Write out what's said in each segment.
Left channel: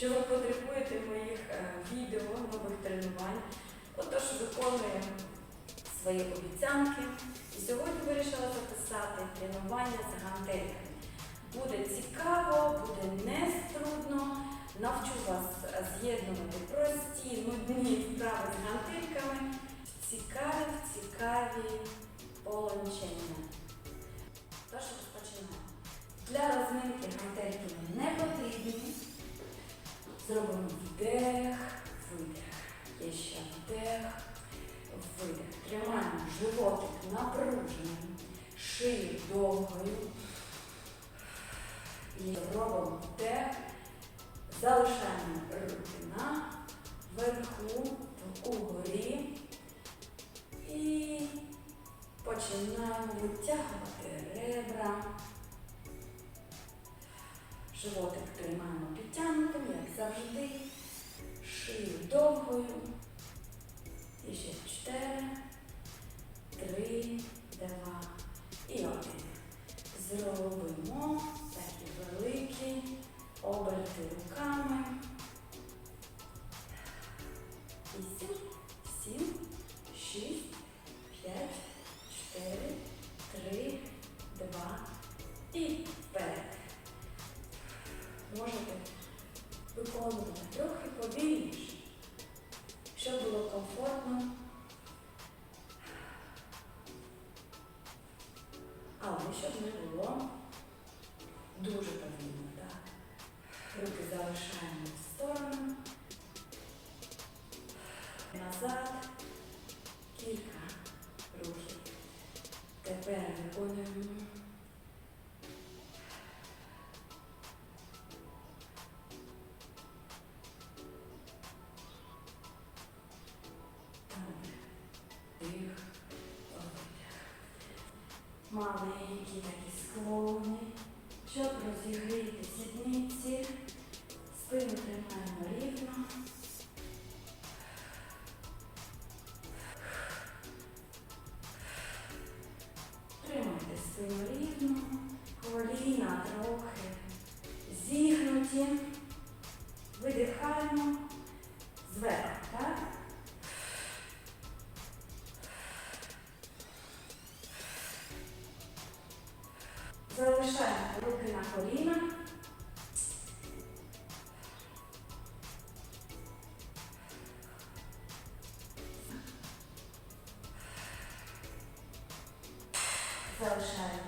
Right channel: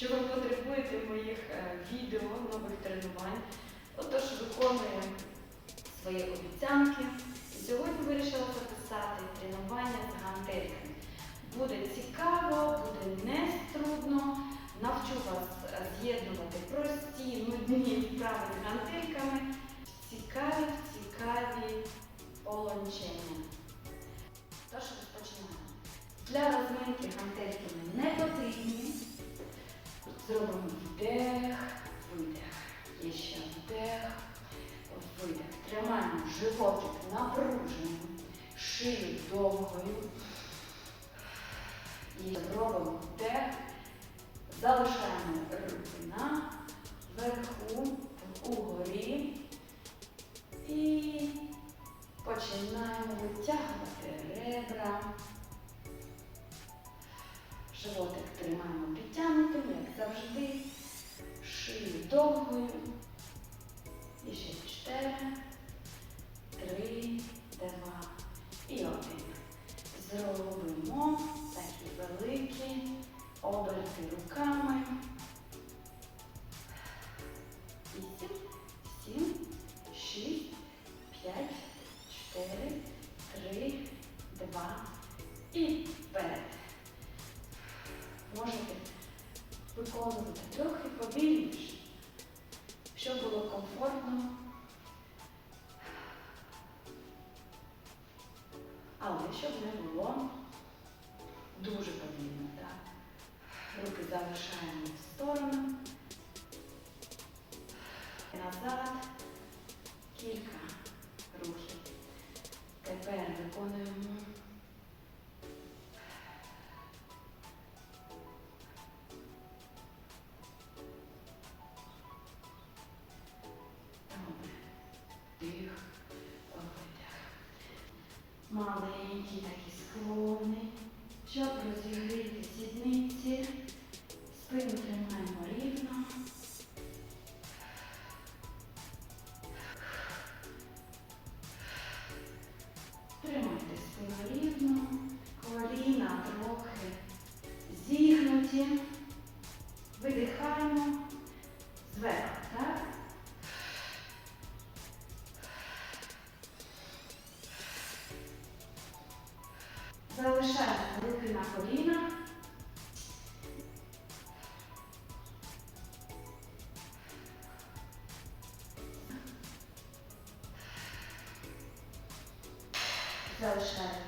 що ви потребуєте моїх е, відео, нових тренувань. Отож, виконую свої обіцянки. І сьогодні вирішила записати тренування з гантельками. Буде цікаво, буде неструдно. Навчу вас з'єднувати прості, нудні вправи з гантельками. Цікаві, цікаві полончення. Тож розпочинаємо. Для розминки гантельки не потрібні. Зробимо вдих, видих. І ще вдих, видих. Тримаємо животик напруженим, шию довгою. І зробимо вдих. Залишаємо руки розумієш, щоб було комфортно. Але щоб не було дуже повільно, так. Руки залишаємо в сторону. arkadaşlar.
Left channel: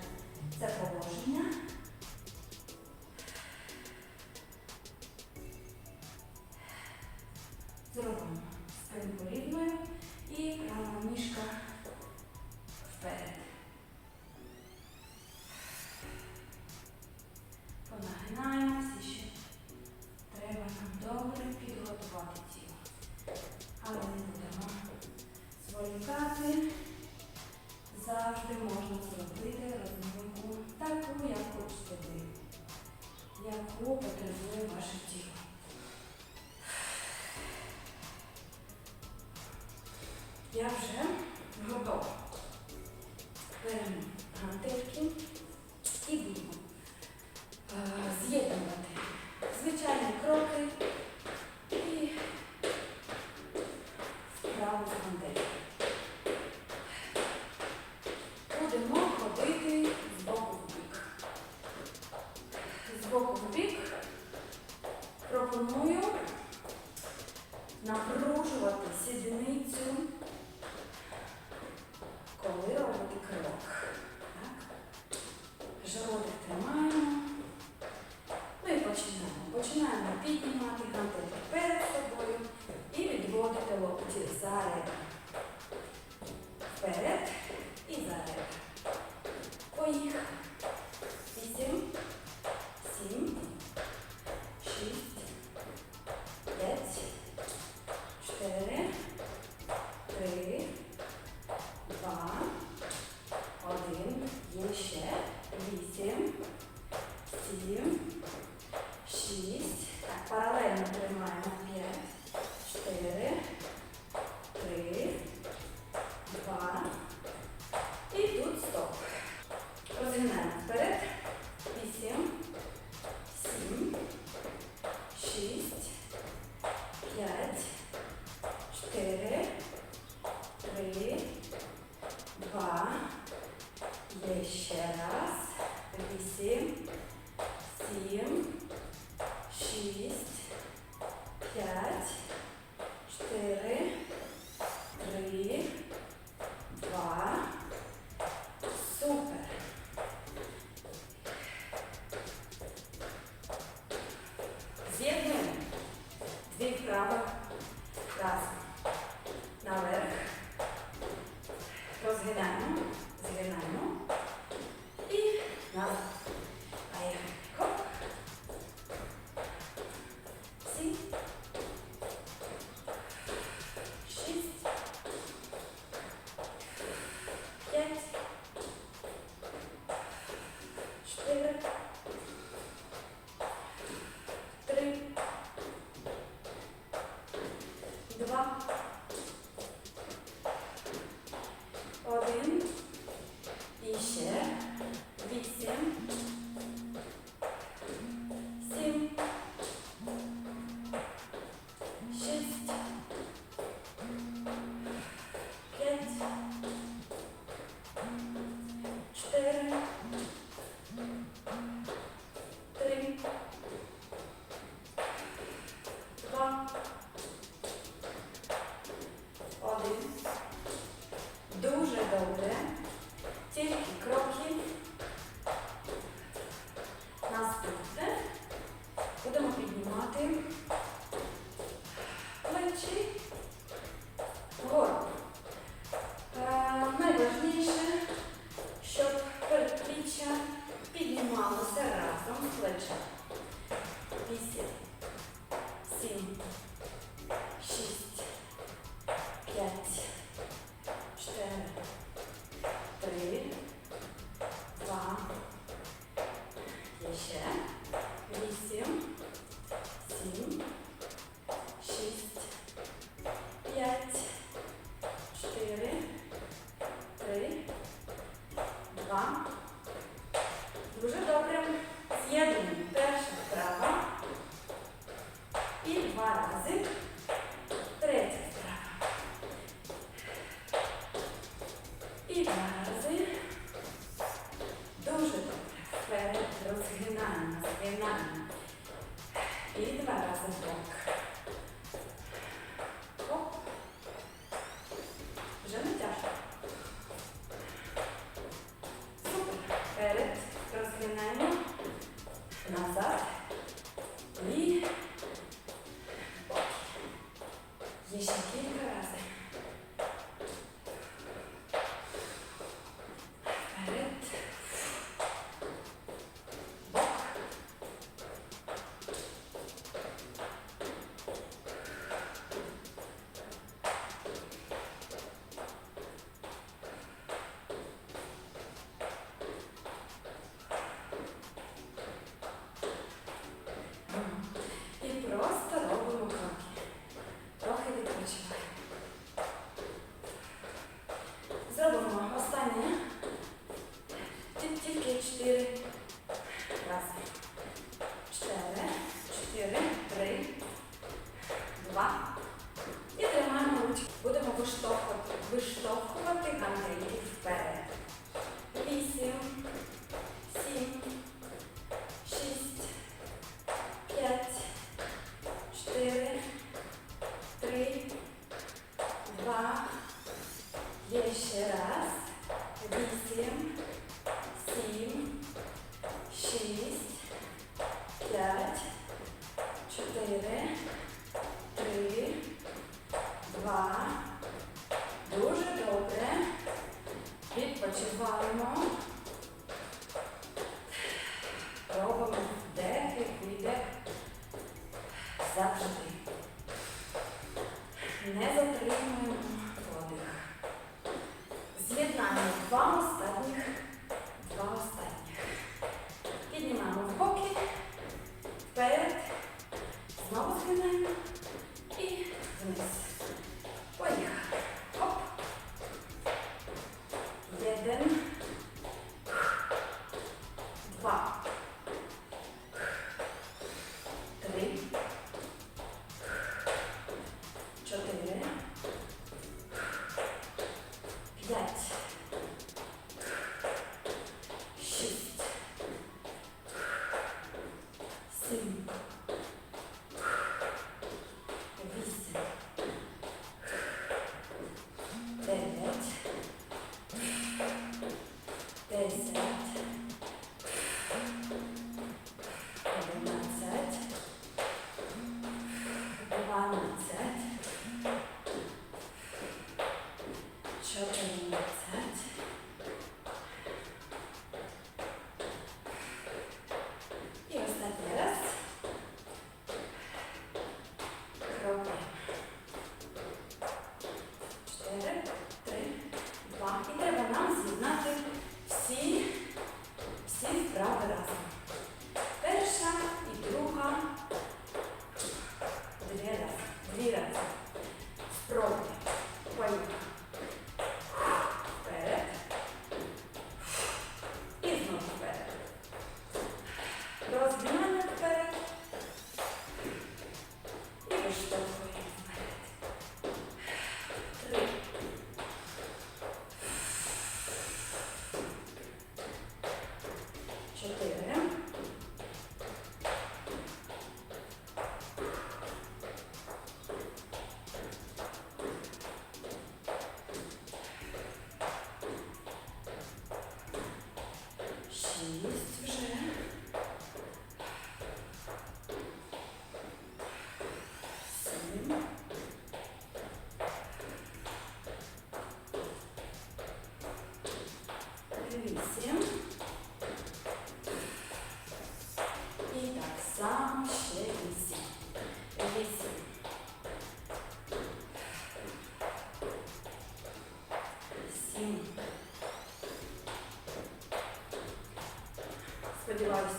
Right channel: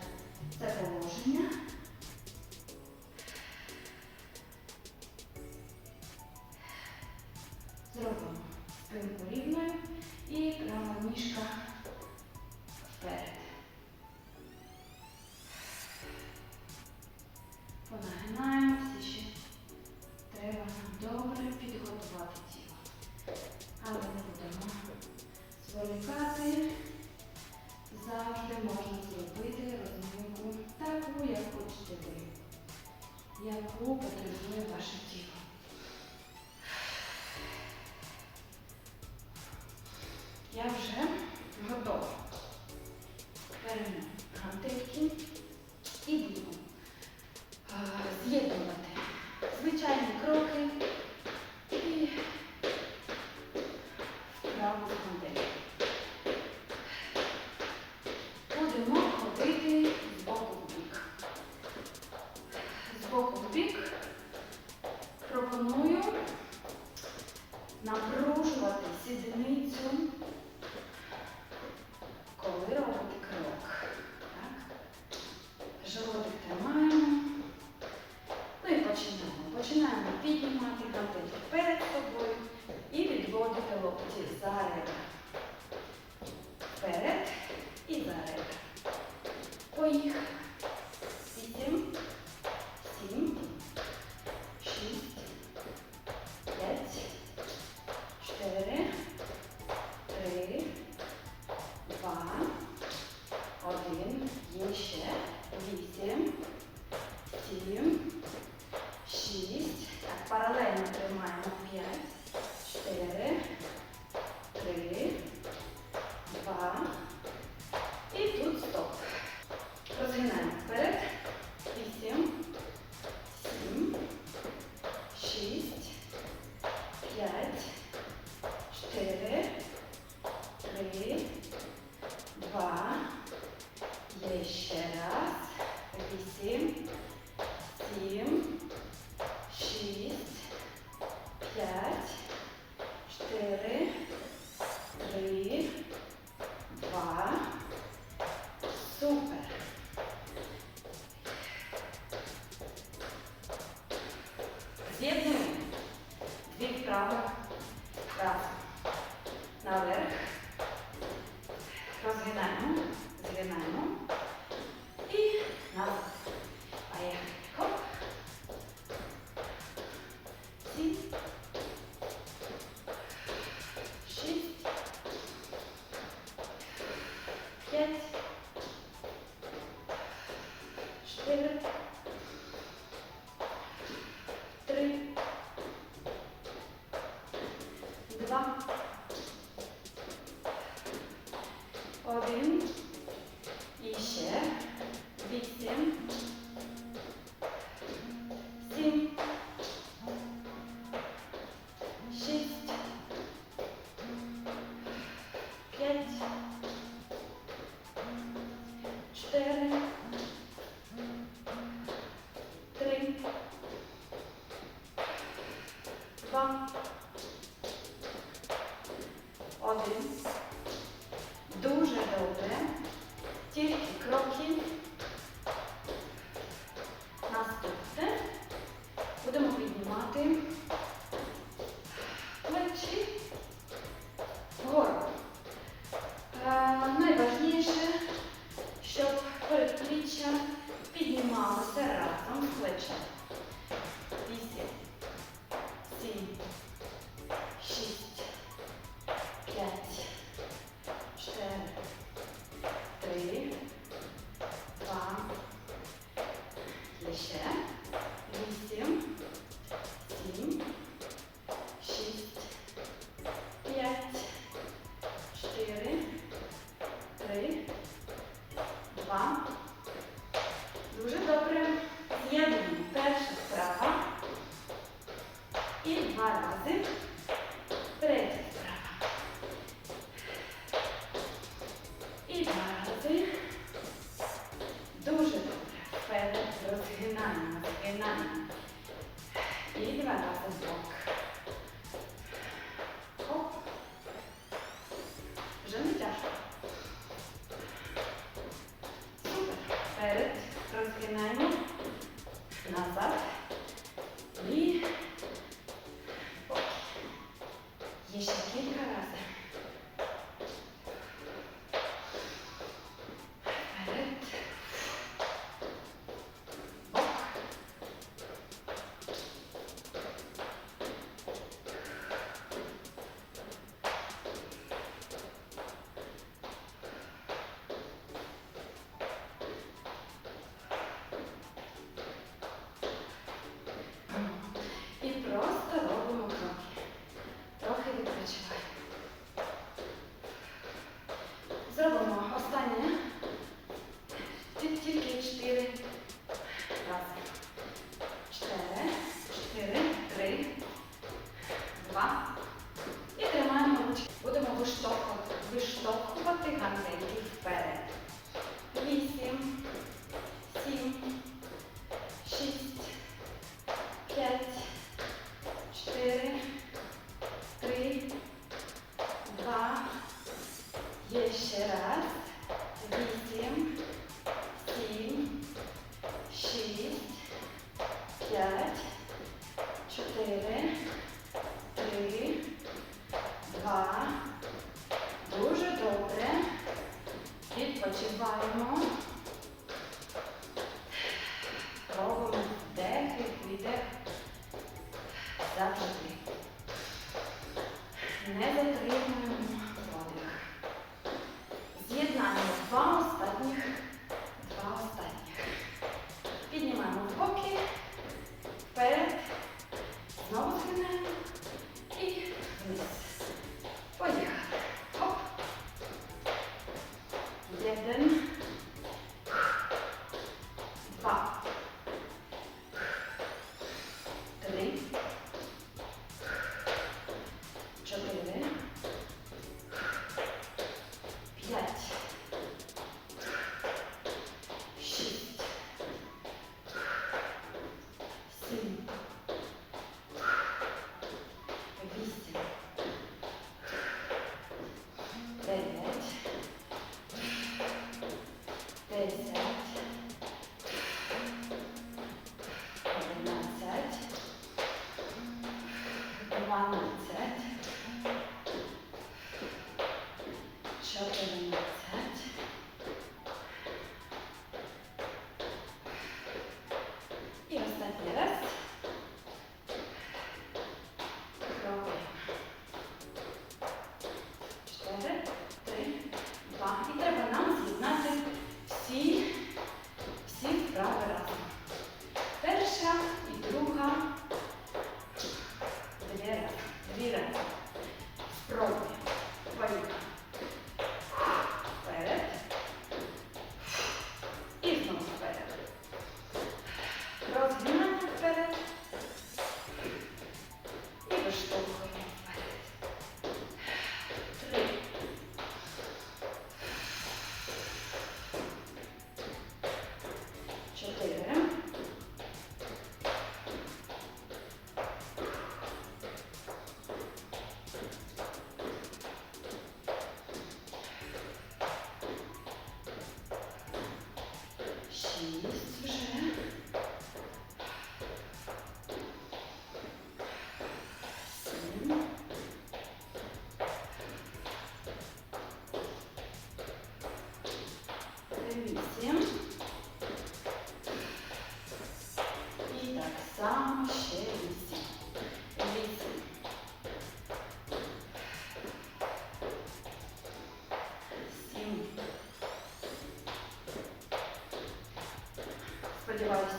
Сподіваюсь,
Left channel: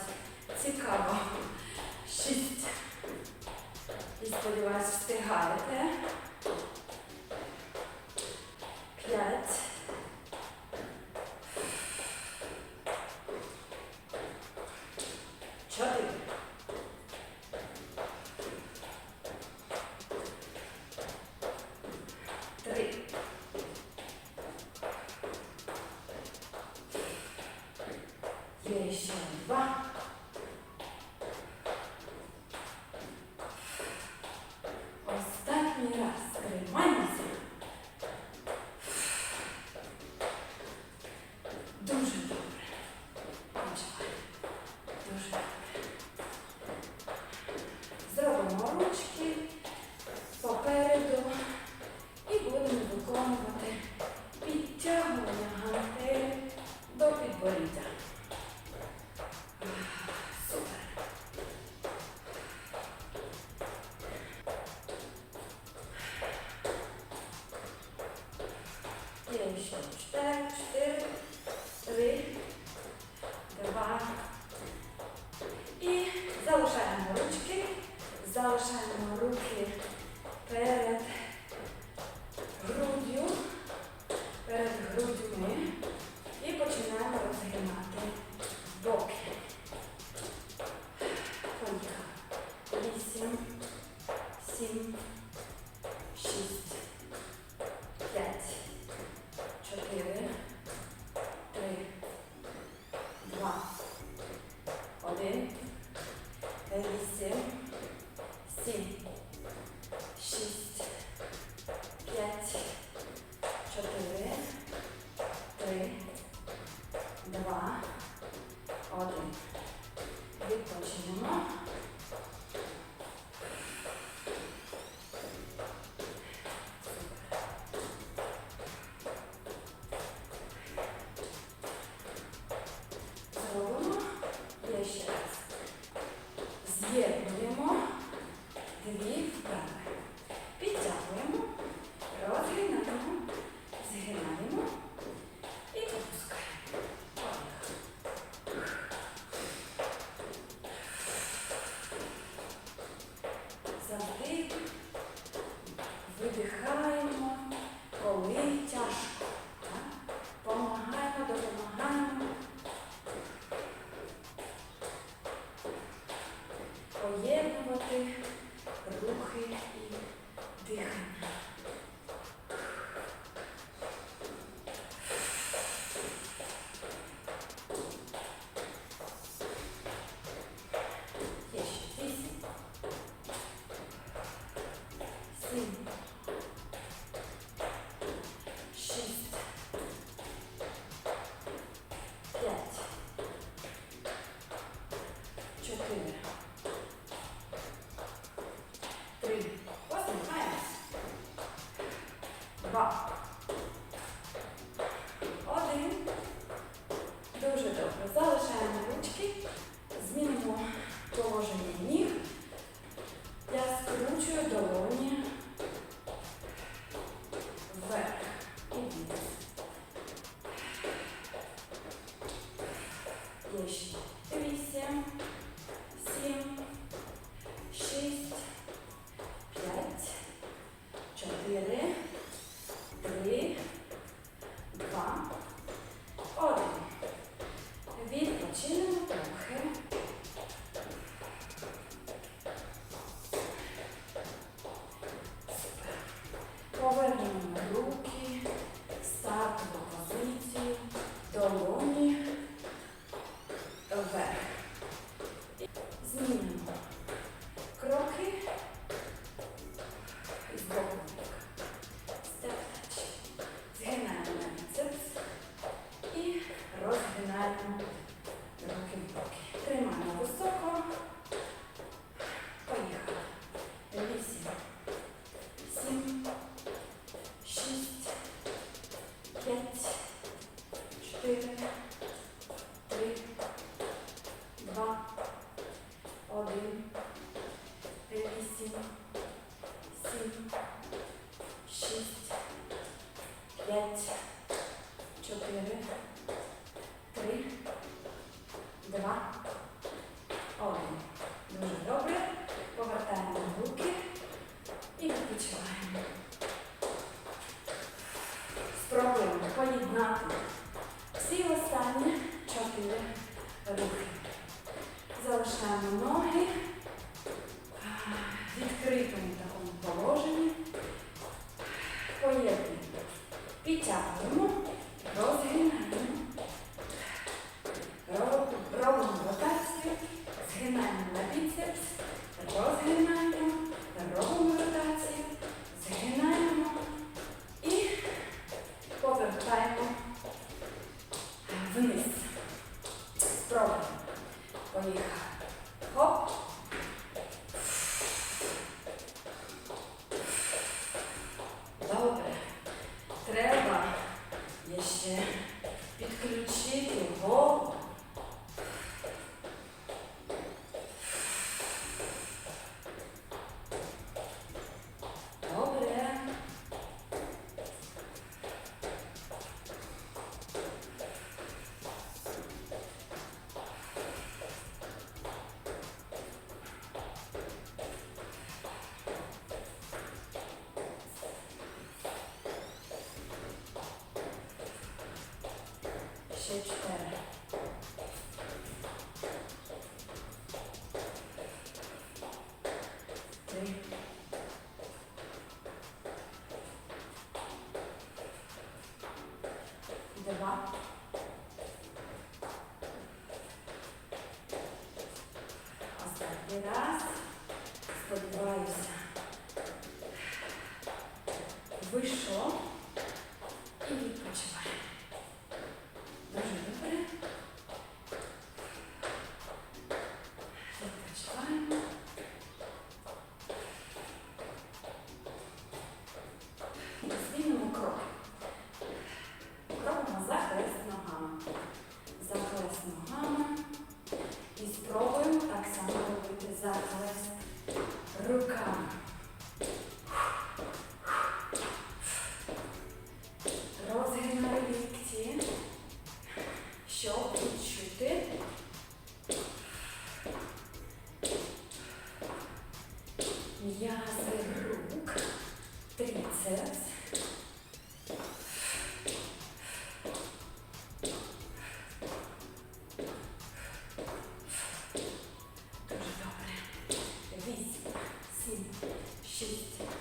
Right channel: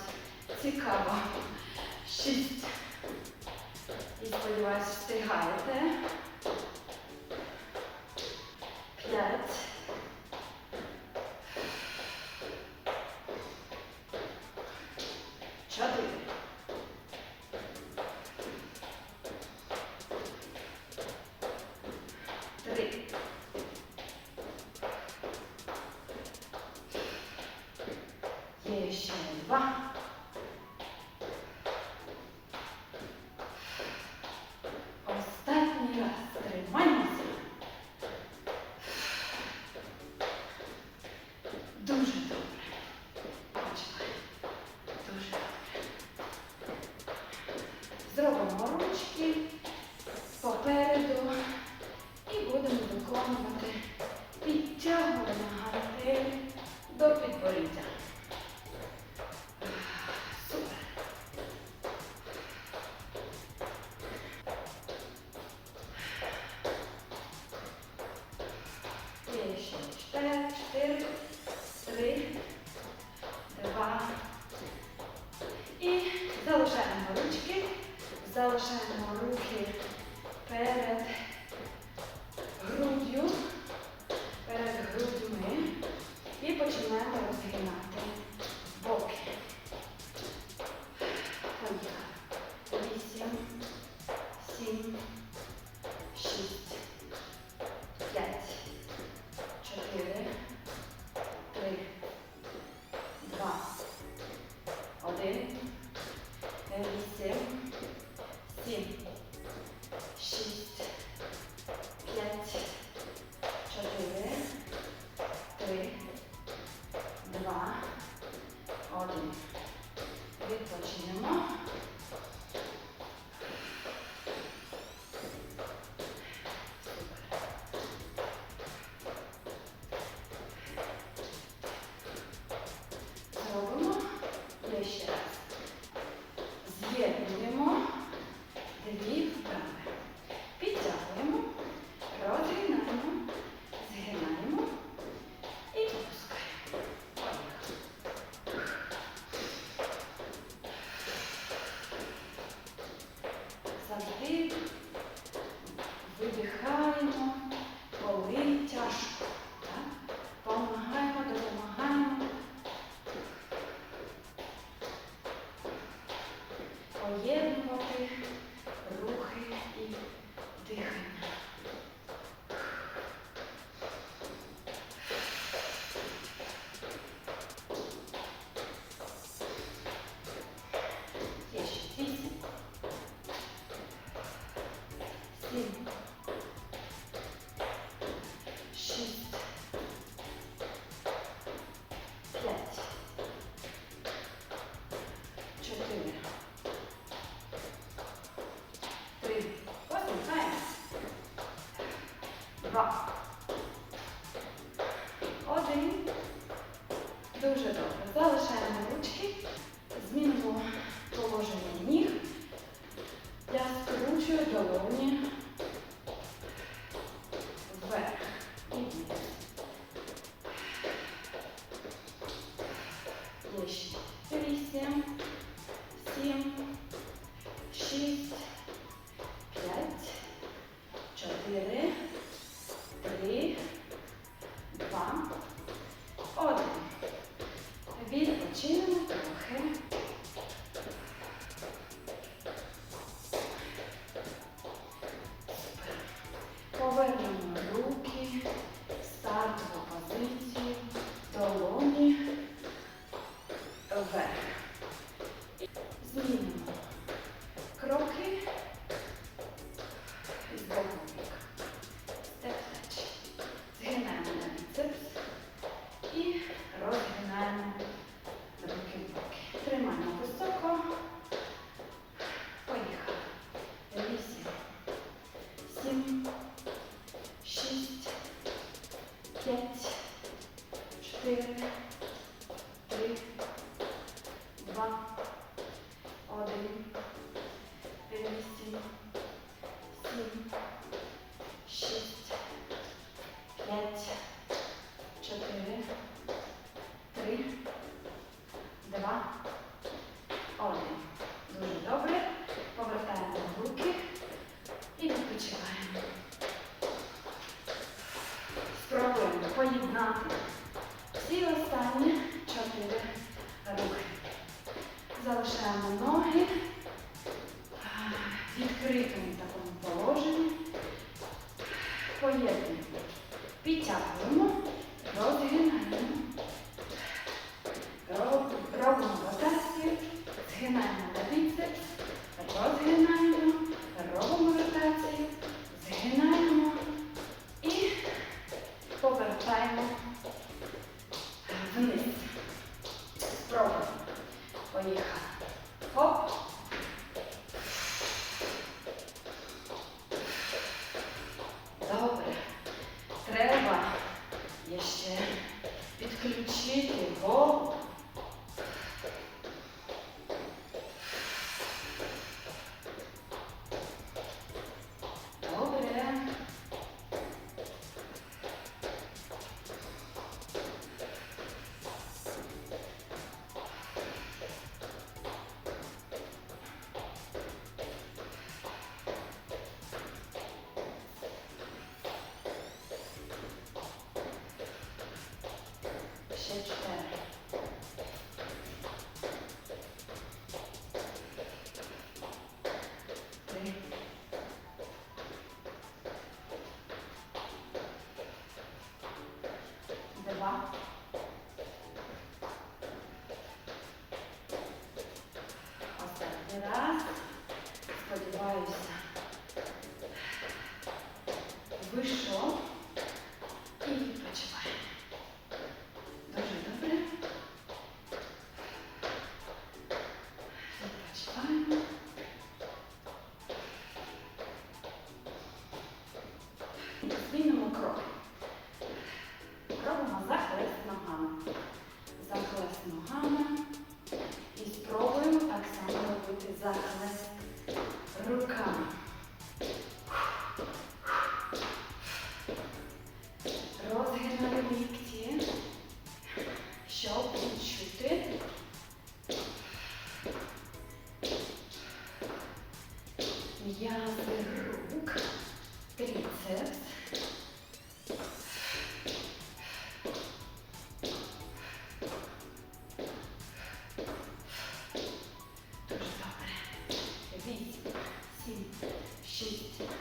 цікаво. Шість. І сподіваюся, встигаєте. Сім, dwa. Ostatni raz. 6.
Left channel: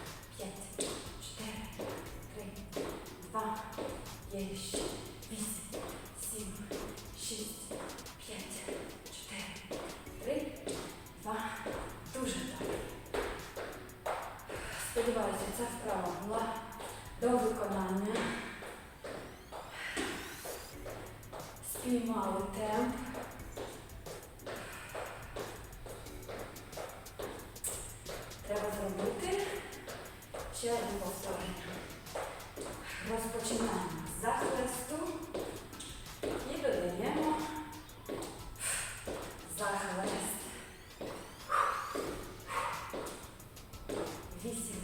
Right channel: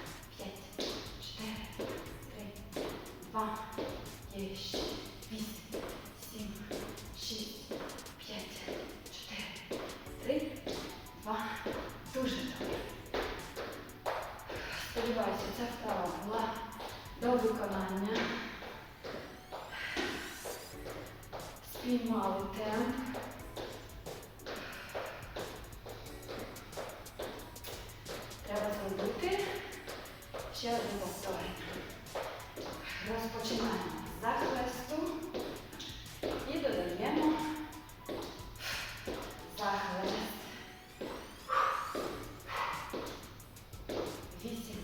вісім,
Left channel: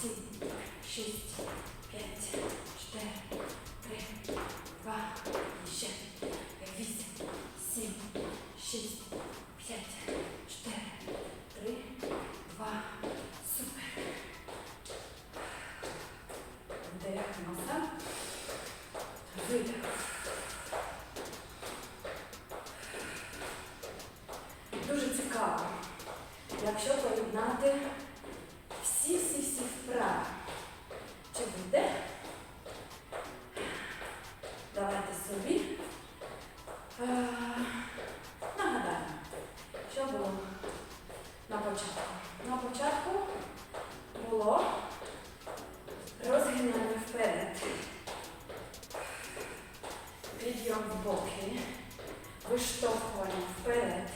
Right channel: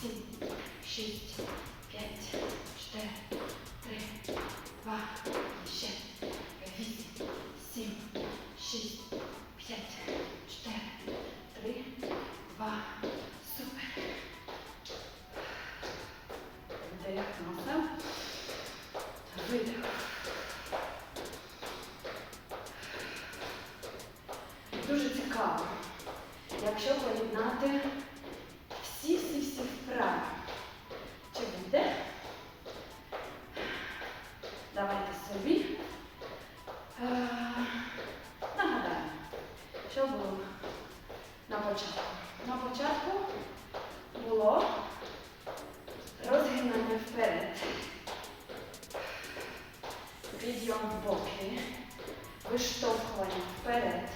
сім, шість, п'ять. початку. На початку було розгинання вперед, підйом в боки, виштовхування вперед.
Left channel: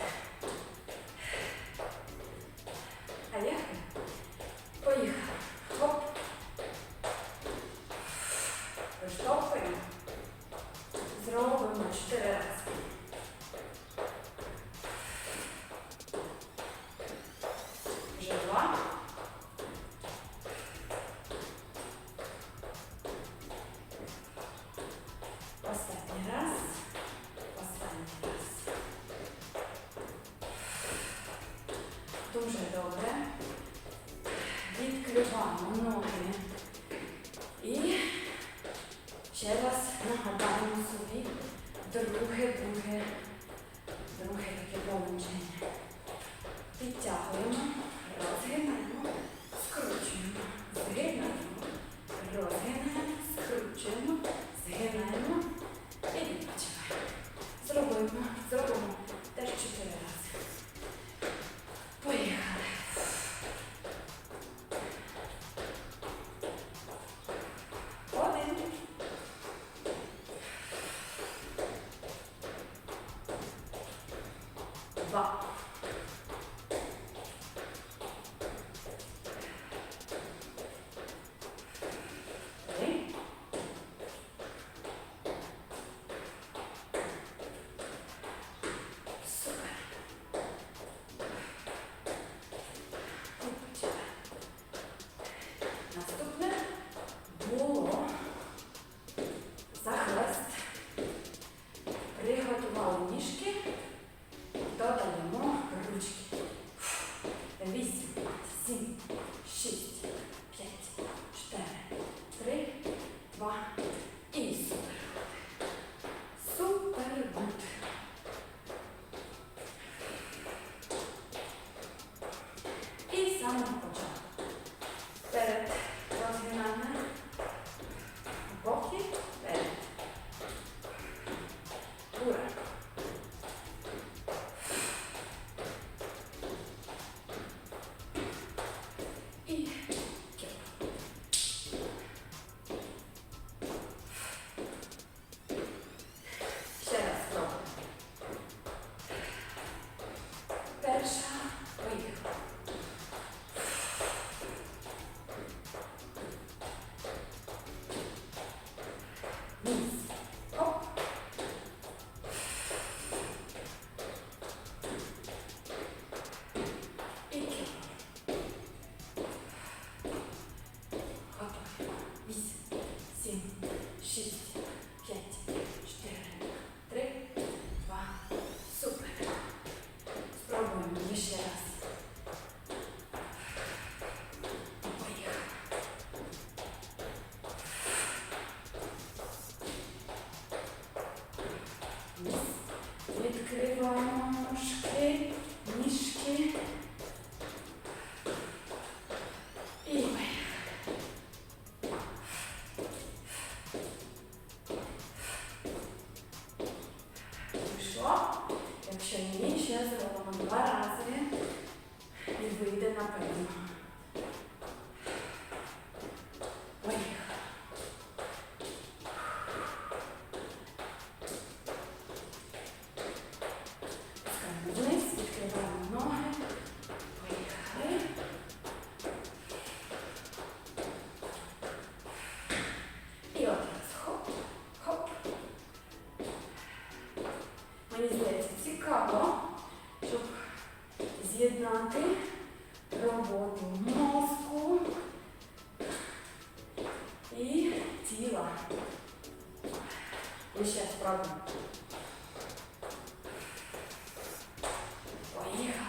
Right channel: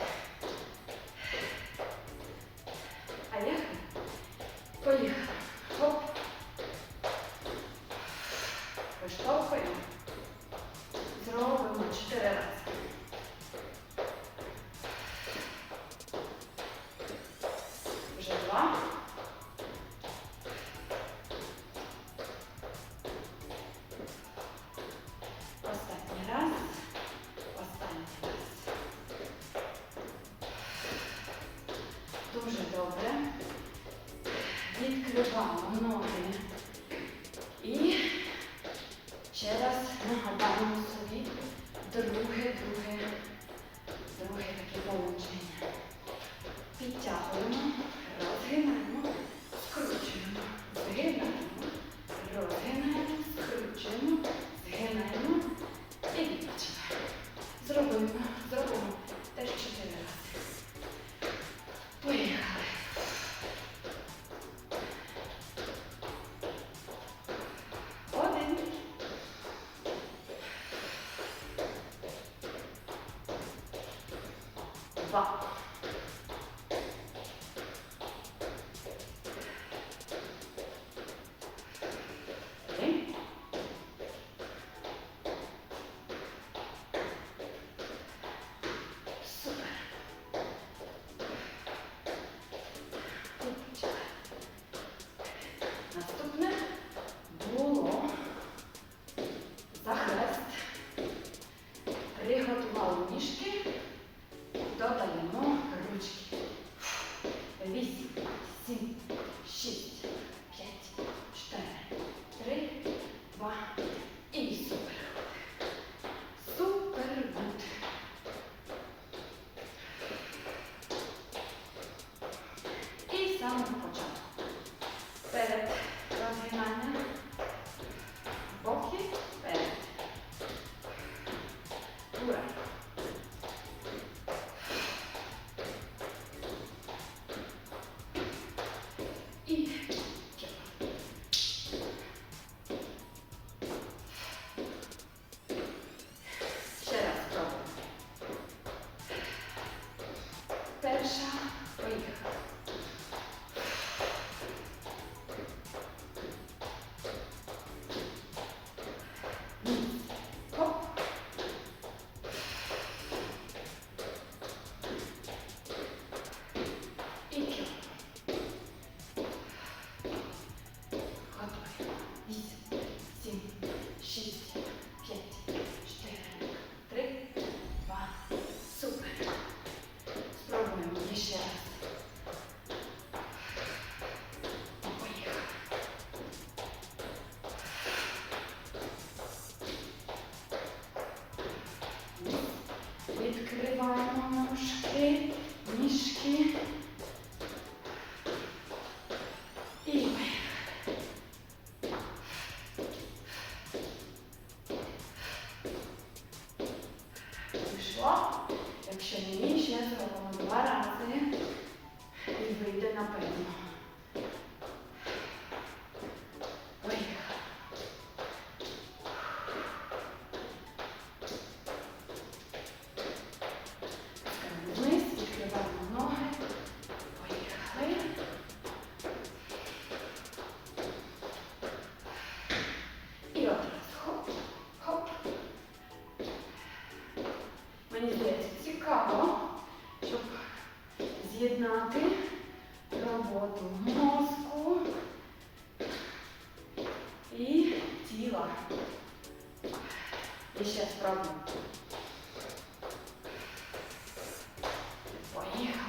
І ще спробуємо. Поїхали.